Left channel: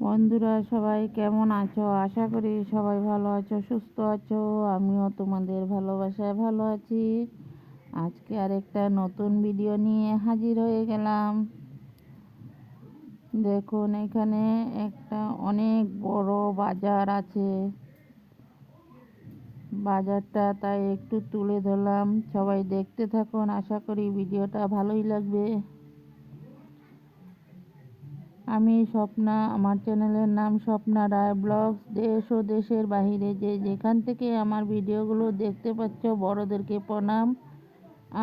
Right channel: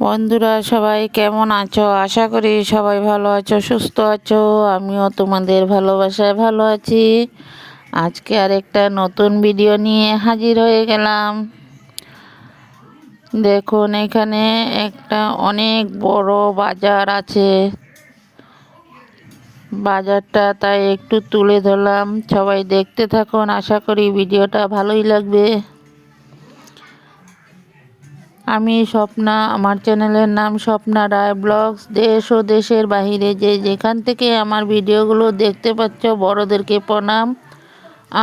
বন্ধুরা সবাই কেমন আছো? আশা করি সবাই ভালো আছো, সুস্থ আছো। আমিও তোমাদের ভালোবাসায় ভালো আছি। আজকে আরেকটা নতুন ভিডিও নিয়ে হাজির হয়ে গেলাম। দেখুন, এখানে একটা অনেক বড় বাজার আছে। বাজারটা তাই একটু তুলে ধরলাম, সবাই দেখতে থাকুন। আশা করি ভিডিওটা ভালোই লাগবে। আমি স্বপ্না, আমার চ্যানেলের নাম স্বপ্না রায় ব্লগস। দেশ ও দেশের বাহিরে যে যেখান থেকে আমার ভিডিওগুলো দেখতে পাচ্ছ, বড়োদেরকে প্রণাম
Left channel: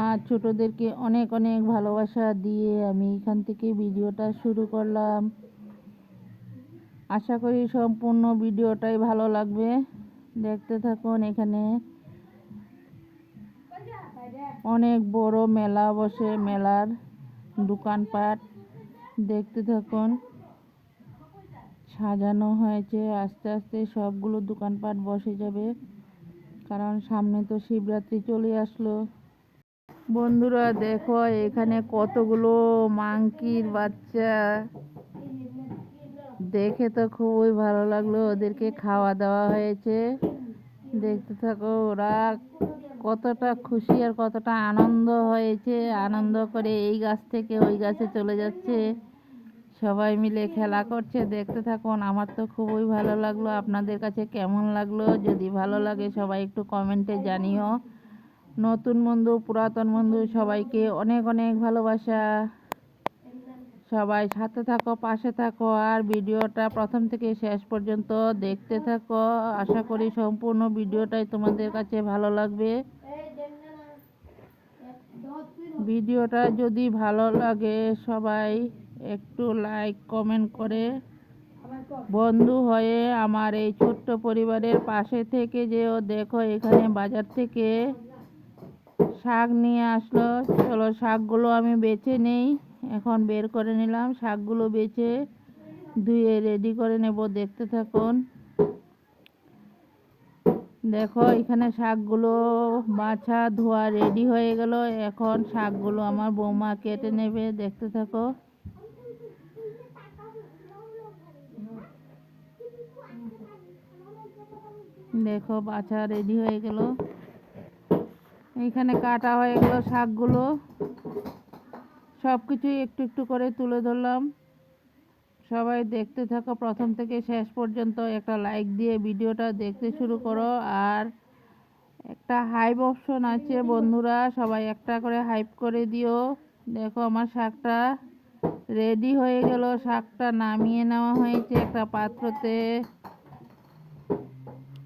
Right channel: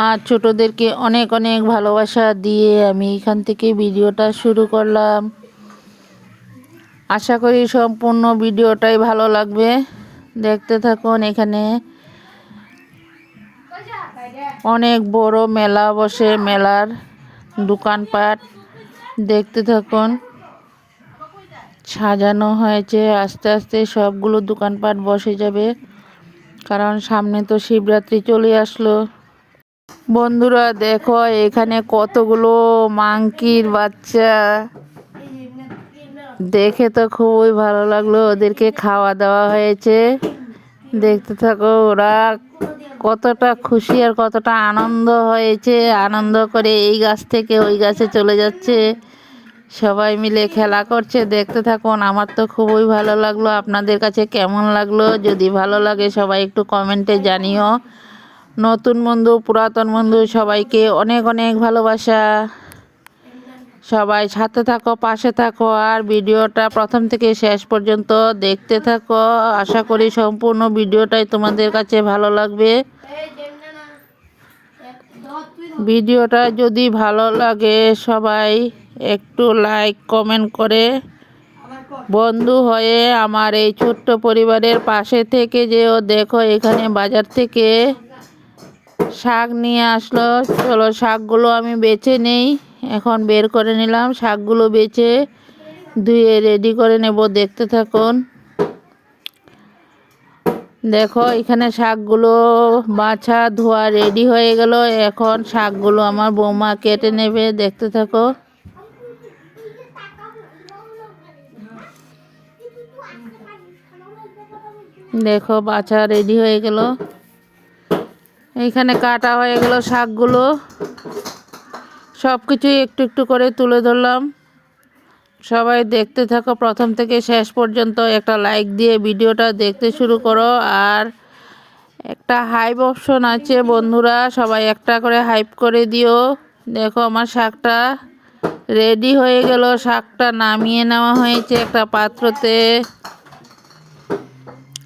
আর ছোটোদেরকে অনেক অনেক ভালোবাসা দিয়ে আমি এখান থেকে ভিডিওটা শুরু করলাম। আশা করি সম্পূর্ণ ভিডিওটাই ভালো লাগবে, দেখতে থাকুন। এখানে অনেক বড় মেলা বসে, মেলার দোকানপাট দেখতে থাকুন। সাজানো হয়েছে, আস্তে আস্তে সবগুলো দোকানপাট বসে যাবে, কারণ সামনে তো শিবরাত্রি চলে আসলো। বন্ধুরা দেখো, এখানে কতগুলো মাংকির বাচ্চা, দেখে তো খুবই ভালো লাগলো। ওদেরকে খাওয়া দাওয়া হয়েছে, দেখতে থাকো ওরা কতটা খুশি আর কতটা আনন্দ হয়েছে। আনন্দ করে এই গাছ থেকে ওই গাছে চলে যাচ্ছে, সবাই মিলে খেলা করছে, দেখতে থাকুন। আমার তো খুবই ভালো লাগলো। আপনাদের কাছে কেমন লাগলো? যদি ভালো লাগে সবাই একটু কমেন্টে জানিও। নতুন বন্ধু, পুরাতন বন্ধু, সবাইকে অনেক অনেক ভালোবাসা। সবাই সাথে থাকো, পাশে থাকো, আর ভিডিওটা প্রথম থেকে শেষ পর্যন্ত দেখতে থাকো। আশা করি সম্পূর্ণ ভিডিওটাই তোমাদের কাছে ভালো লাগবে। ভিডিওটা যদি ভালো লাগে সবাই একটু লাইক কমেন্ট করে বন্ধু হয়ে আমার এই ছোট্ট পরিবারের পাশে থেকে যেও। দেখো, এখানে বাজার থেকে শাক নিয়ে আসলো। চলো শাকগুলো আমি বেছে নেই। এখন বের করে নিলাম, শাকগুলো বেছে ধুয়ে রেডি করে নেব, দেখতে থাকুন। দেখো, এখানে শাকগুলো বাছা ধোয়া রেডি হয়ে গেল। এখন শাকগুলো আমার বৌমা কেটে নেবে, দেখতে থাকো। দেখো, বাছা রেডি হয়ে গেল, এইখানে কাটা হয়ে গেল শাকগুলো। সব কিছুই একটু একটু করে তুলে ধরলাম। সবাই দেখতে থাকো প্রথম থেকে শেষ পর্যন্ত। একটা লাইক দিয়ে ভিডিওটা দেখতে শুরু করো। আর একটা হাইপ অপশন আছে বন্ধুরা, সবাই একটা করে হাইপ করে দিও। দেখো, আমার শাকটা রেডি হয়ে গেল। শাকটা নামিয়ে নেওয়া হয়েছে একটা পাত্রতে।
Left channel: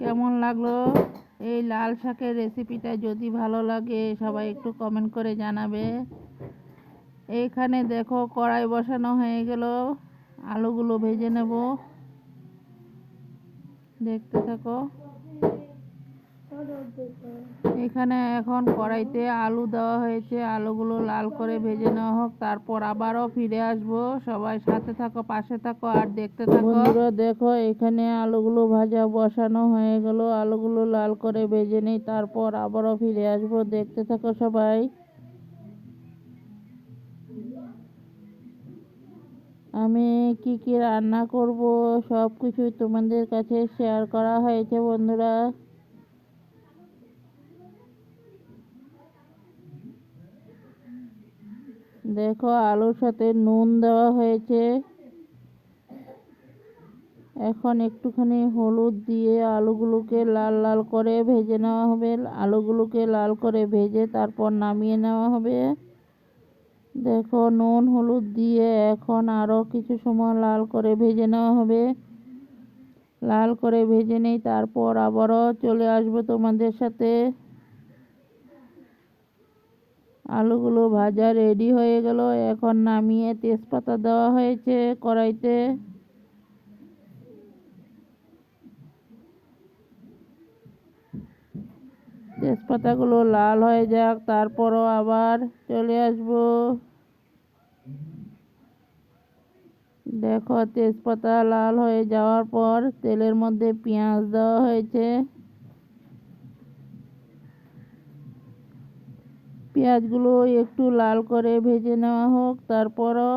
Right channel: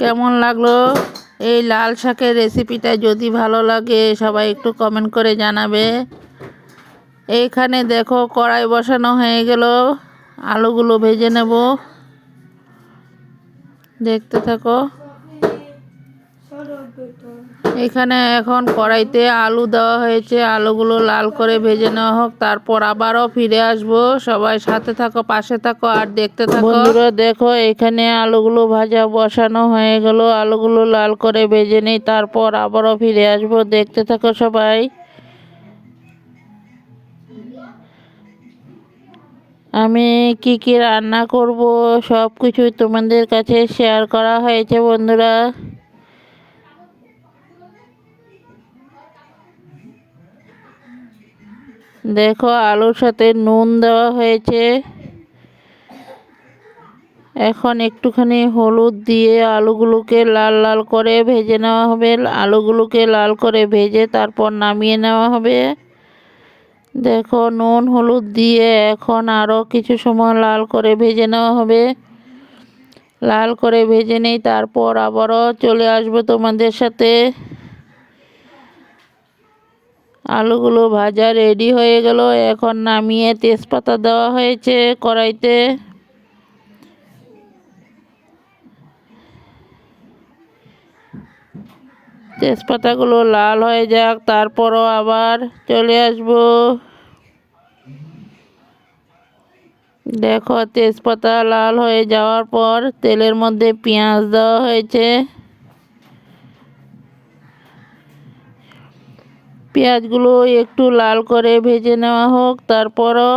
কেমন লাগলো এই লাল শাকের রেসিপিটা? যদি ভালো লাগে সবাই একটু কমেন্ট করে জানাবে। এইখানে দেখো, কড়াই বসানো হয়ে গেল, আলুগুলো ভেজে নেব, দেখতে থাকো। এখানে এখন কড়াইতে আলু দেওয়া হয়েছে, আলুগুলো লাল করে ভেজে নেওয়া হোক, তারপর আবারও ফিরে আসবো। সবাই সাথে থাকো, পাশে থাকো আর দেখতে থাকো। বন্ধুরা দেখো, এখানে আলুগুলো ভাজা বসানো হয়ে গেল, আলুগুলো লাল করে ভেজে নেই, তারপর আবারও ফিরে আসবো, দেখতে থাকো সবাই। আমি কি কি রান্না করব সব কিছুই তোমাদের কাছে শেয়ার করা হয়েছে বন্ধুরা। দেখো, আলুর সাথে নুন দেওয়া হয়েছে। এখন একটুখানি হলুদ দিয়ে আলুগুলোকে লাল লাল করে ভেজে নেওয়া হবে। আলুগুলোকে লাল করে ভেজে তারপর নামিয়ে নেওয়া হবে। দেখো, নুন হলুদ দিয়ে এখন আরও কিছু সময় লাল করে ভেজে নেওয়া হবে। লাল করে ভেজে নেই, তারপর আবারও চলে আসবো তোমাদের সাথে। আলুগুলো ভাজা রেডি হয়ে গেল। এখন নামিয়ে তেজপাতা দেওয়া হয়েছে কড়াইতে। তেজপাতাগুলো লাল হয়ে যাক, তারপরও আবার চলে আসবো। দেখো, তেজপাতা লাল হয়ে যাওয়ার পর তেলের মধ্যে পেঁয়াজ দেওয়া হয়েছে। পেঁয়াজগুলো একটু লাল করে ভেজে নেওয়া হোক, তারপরও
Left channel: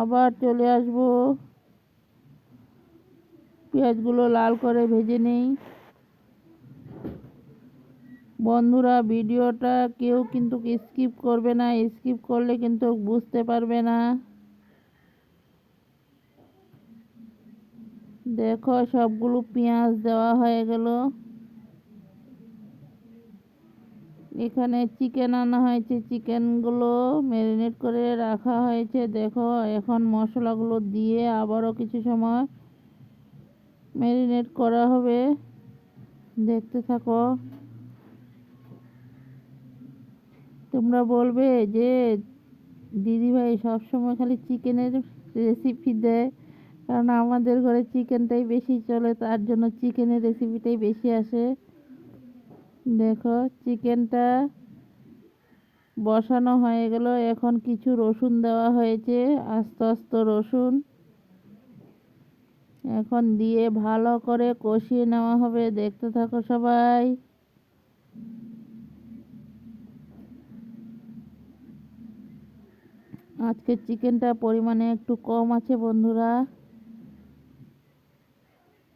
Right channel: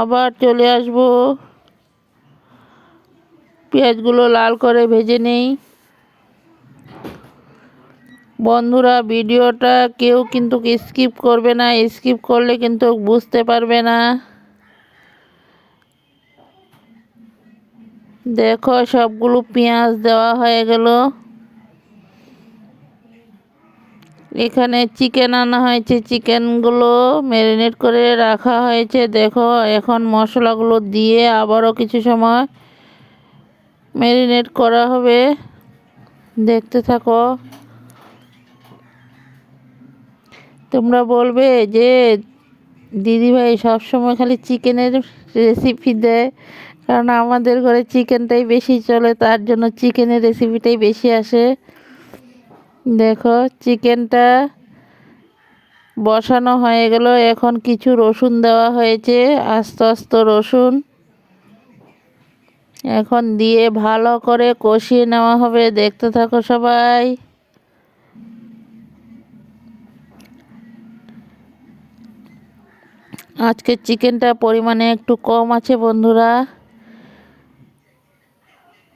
আবার চলে আসবো। পেঁয়াজগুলো লাল করে ভেজে নেই। বন্ধুরা, ভিডিওটা কেউ কিন্তু স্কিপ করবে না, স্কিপ করলে কিন্তু বুঝতে পারবে না। দেখো, সবগুলো পেঁয়াজ দেওয়া হয়ে গেল। এখানে চিকেন আনা হয়েছে, চিকেনগুলো ম্যারিনেট করে রাখা হয়েছে। দেখো, এখন মশলাগুলো দিয়ে আবারও কিছু সময় ম্যারিনেট করা হবে। দেখতে থাকো। তোমরা বলবে যে দিদিভাই সবসময় খালি চিকেনের রেসিপি দেয়, কারণ আমাদের ঘরে চিকেনটাই বেশি চলে, তার জন্য চিকেনের রেসিপিটাই বেশি আসে। দেখো, চিকেনটা বসানো হয়ে গেল। এখন কিছু রসুন দেওয়া হয়েছে, আস্ত আস্ত রসুন এখন দিয়ে ভালো করে কষিয়ে নেওয়া হবে। দেখতে থাকো সবাই। আজকে চিকেনটা পরিমাণে একটু কম আছে বন্ধুরা।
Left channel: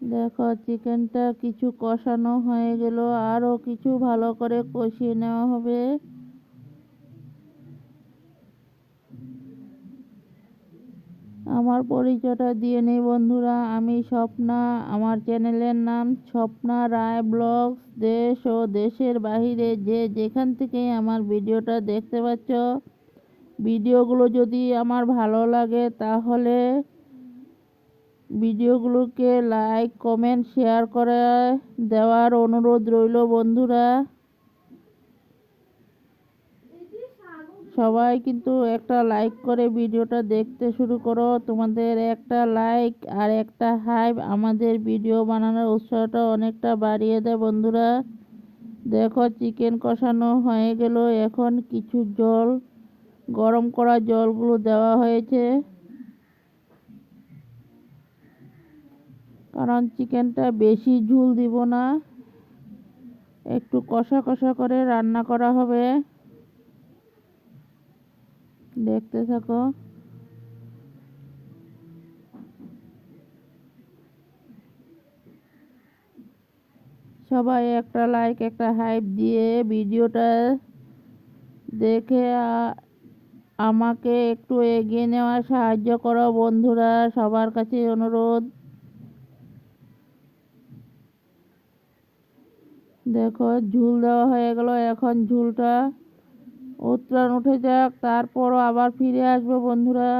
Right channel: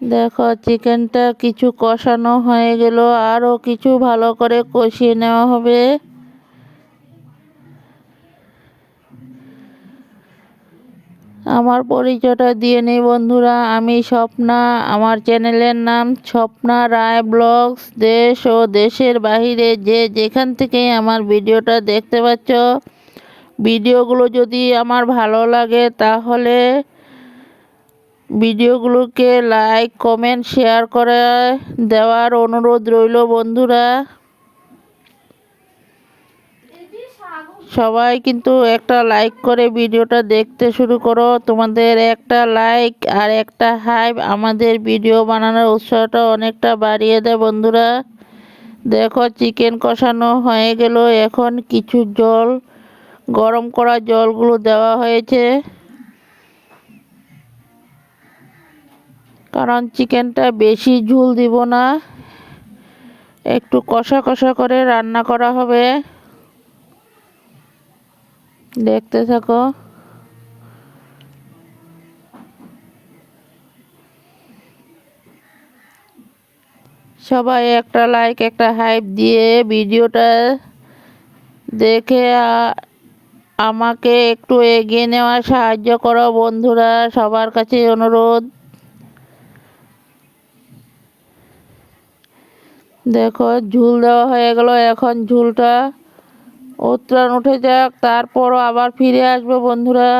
দেখো, চিকেনটা কিছু কষানো হয়ে গেল, আরও কিছু ভালো করে কষিয়ে নেওয়া হবে। আমার পরিচয়টা দিয়ে নেই বন্ধুরা, আমি স্বপ্না। আমার চ্যানেলের নাম স্বপ্না রায় ব্লগস। দেশ ও দেশের বাহিরে যে যেখান থেকে আমার ভিডিওটা দেখতে পাচ্ছ, ভিডিওগুলো যদি আমার ভালো লাগে তাহলে ভিডিওগুলোকে লাইক, কমেন্ট, শেয়ার করে দেওয়ার অনুরোধ রইল বন্ধুরা। সবাই কিন্তু একটা লাইক করে ভিডিওটা দেখতে শুরু করো। তোমাদের একটা লাইক আর একটা হাইপ আমাদের ভিডিও বানানোর উৎসাহটা অনেকটা বাড়িয়ে দেয় বন্ধুরা। দেখো, চিকেন কষানো হয়ে গেল। এখন কিছু জল, গরম করা জলগুলো দেওয়া হয়েছে, কারণ চিকেনটা বেশি ঝোল দিব না, একটু কষা কষা করে রান্না করা হবে। দেখতে থাকো। সবাই একটা লাইক, একটা হাইপ দিয়ে ভিডিওটা দেখে আমাকে একটু এগিয়ে নেওয়ার সাহায্য করো বন্ধুরা, সবার কাছে অনুরোধ। দেখো, ঝুল দেওয়া হয়ে গেল। এখন ঝুলটা উতরান উঠে যাক, তারপরও আবার ফিরে আসবো বন্ধুরা।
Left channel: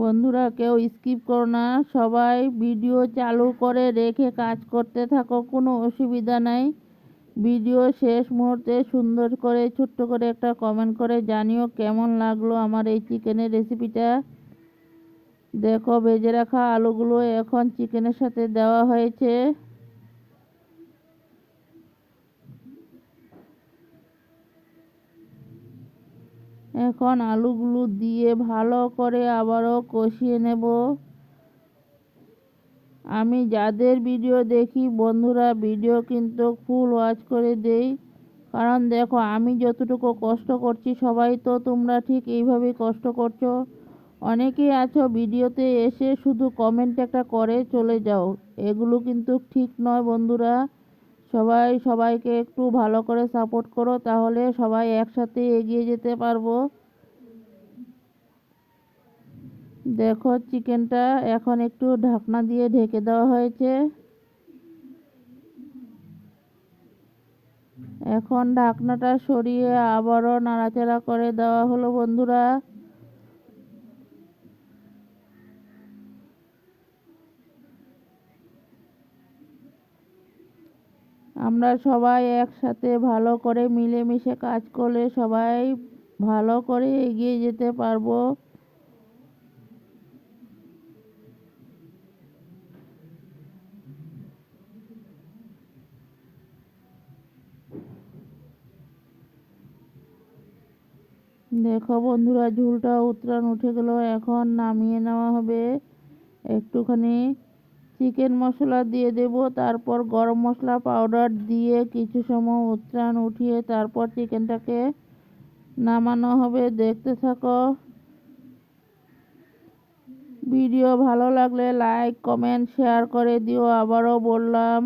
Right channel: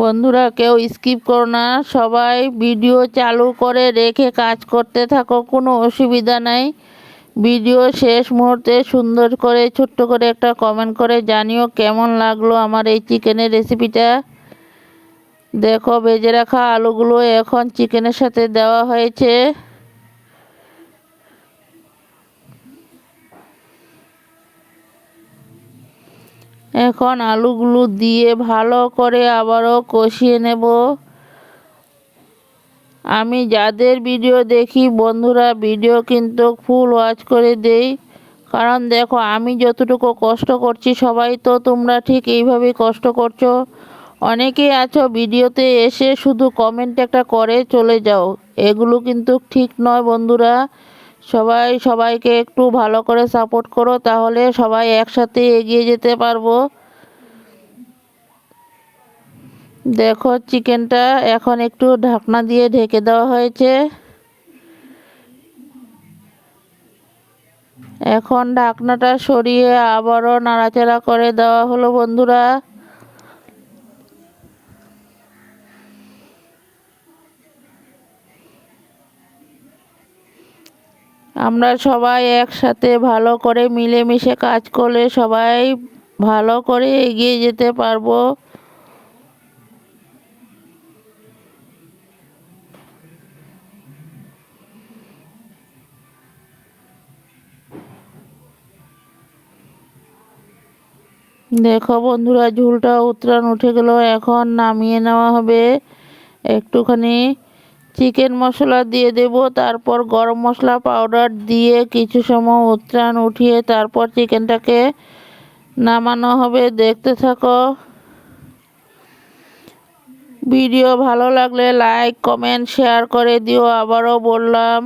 বন্ধুরা, কেউ স্কিপ করো না, সবাই ভিডিও চালু করে রেখে কাজ করতে থাকো, কোনো অসুবিধা নাই। ভিডিও শেষ মুহূর্তে সুন্দর করে ছোট্ট করে একটা কমেন্ট করে জানিও কেমন লাগলো আমার এই চিকেনের রেসিপিটা। দেখো, ভেজে রাখা আলুগুলো এখন চিকেনের সাথে দেওয়া হয়েছে। এখন আলুগুলো দিয়ে ভালো করে আবারও কষিয়ে নেব। আমি যাদের ভিডিও দেখি বন্ধুরা, ভিডিও কিন্তু ফুল ওয়াচ করে দেই, কারণ দেখো আমি যতটুকু কষ্ট করছি সবাই তো তোমরা ঠিক এইভাবেই কষ্ট করছো। অনেকেই আছো ভিডিওতে এসে শুধু কমেন্ট একটা করে চলে যাও, এগুলো কিন্তু ঠিক নয় বন্ধুরা। সবাই সবাইকে একটু ভালো করে সাপোর্ট করো, তাহলে সবাই একসাথে এগিয়ে যেতে পারবো। দেখো, চিকেনটা এখন একটু ঢাকনা দিয়ে ঢেকে দেওয়া হয়েছে। এখন ঢাকনাটা সরিয়ে আবারও নাড়াচাড়া করে দেওয়া হলো বন্ধুরা। আমরা সবাই একসাথে ভালো করে মিলেমিশে কাজ করলে সবাই ভালো করে এগিয়ে যেতে পারবো। দেখো বন্ধুরা, ঝোলটা উতরান উঠে গেল, এখন নামিয়ে নেওয়া হবে। একটুখানি চিকেন মশলা দিয়ে দেব, তারপর গরম মশলা পাউডার দিয়ে কিছু সময় উতরান উঠিয়ে তারপর চিকেনটাকে নামানো হবে। দেখতে থাকো। ভিডিও ভালো লাগলে লাইক কমেন্ট শেয়ার করে দিও, আবারও বললাম।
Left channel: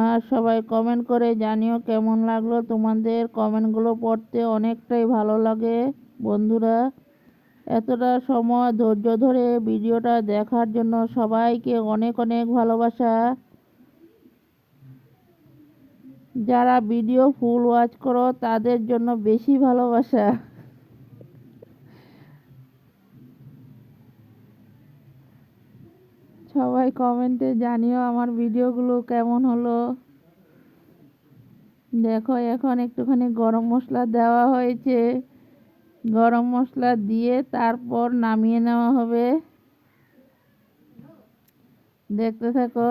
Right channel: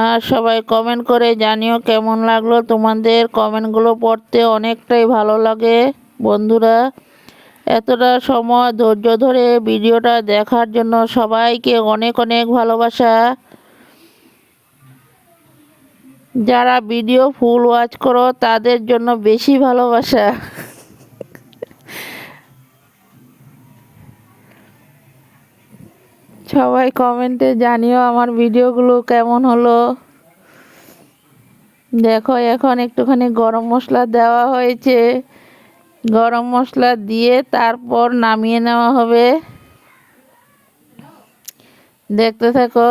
আর সবাই কমেন্ট করে জানিও কেমন লাগলো। তোমাদের কমেন্টগুলো পড়তে অনেকটাই ভালো লাগে বন্ধুরা। এতটা সময় ধৈর্য ধরে ভিডিওটা দেখার জন্য সবাইকে অনেক অনেক ভালোবাসা। যারা ভিডিও ফুল ওয়াচ করো তাদের জন্য বেশি ভালোবাসা। সবাই কমেন্টে জানিও আমার ভিডিওগুলো কেমন হলো। দেখো এখন একটুখানি গরম মশলা দেওয়া হয়েছে, গরম মশলা দিয়ে তারপর নামিয়ে নেওয়া হবে। দেখতে থাকো।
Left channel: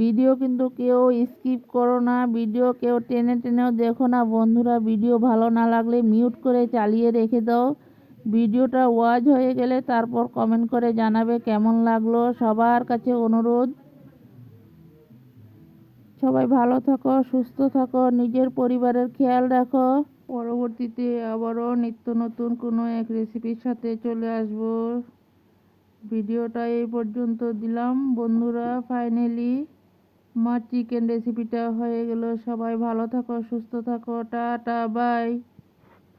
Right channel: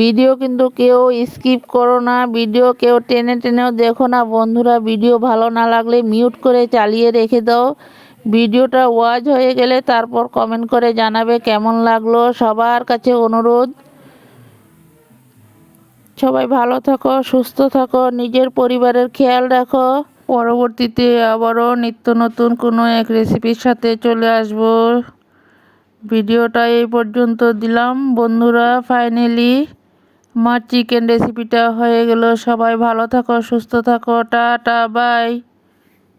ভিডিও কিন্তু কেউ স্কিপ করো না, ভিডিও কেউ টেনে টেনেও দেখো না বন্ধুরা। ভিডিও ভালো না লাগলে মিউট করে চালিয়ে রেখে দাও। ভিডিওটা ওয়াচ হয়ে গেলে তারপর কমেন্ট করে জানাবে কেমন লাগলো। সবার কাছে অনুরোধ, সবাই ভালো থাকো, সুস্থ থাকো, নিজের পরিবারের খেয়াল রাখো। পরবর্তীতে আবারও নিত্য নতুন কোনো এক রেসিপির সাথে চলে আসব। ভিডিওটা এই পর্যন্ত দিলাম বন্ধুরা। ফাইনালি আমার চিকেন রেসিপিটা হয়ে গেল। সবাই ভালো থাকো, সুস্থ থাকো, টাটা বাই।